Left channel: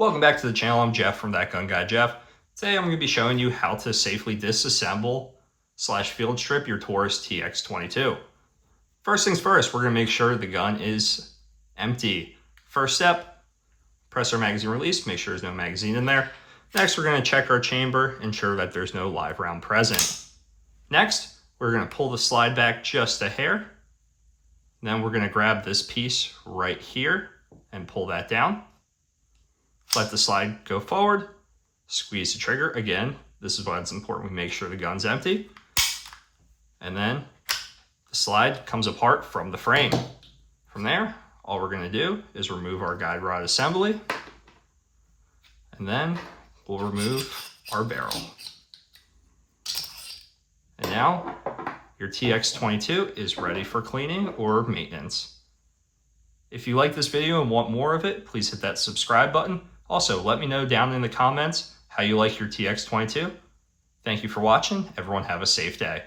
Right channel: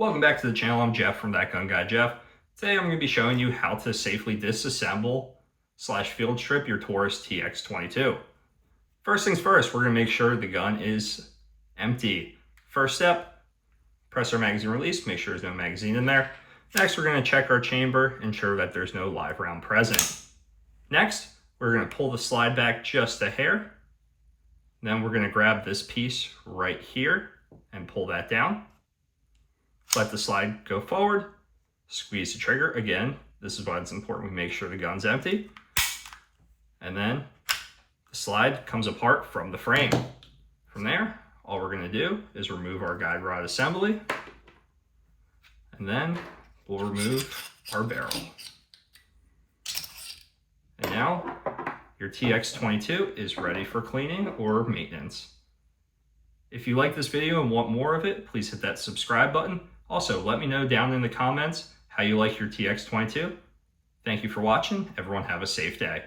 Welcome back to the channel. I'm Jeff from That Gun Guy Jeff. Today I'm going to be showing you how to safely disassemble / field strip your Taurus TX22. First things first, we're going to make sure the gun is empty. First step, press our magazine release, make sure there's no magazine in there. Next, we're going to check our chamber, ensure that there's no live round present. Next, we're going to pull the slide back just a hair. Then we're going to grab this piece right here and pull that down. Let the slide go forward, squeeze the trigger. Again, this is why it's important we make sure the gun's empty. And then the slide comes apart from the frame. From there, all we're going to do is remove our guide rod assembly, and then we'll remove our barrel. And now your TX22 is ready for cleaning or maintenance. If you like this video and want more of it, please hit that subscribe button. Also, let me know down in the comments how you like your TX22. Thank you for watching. Everyone have a safe day.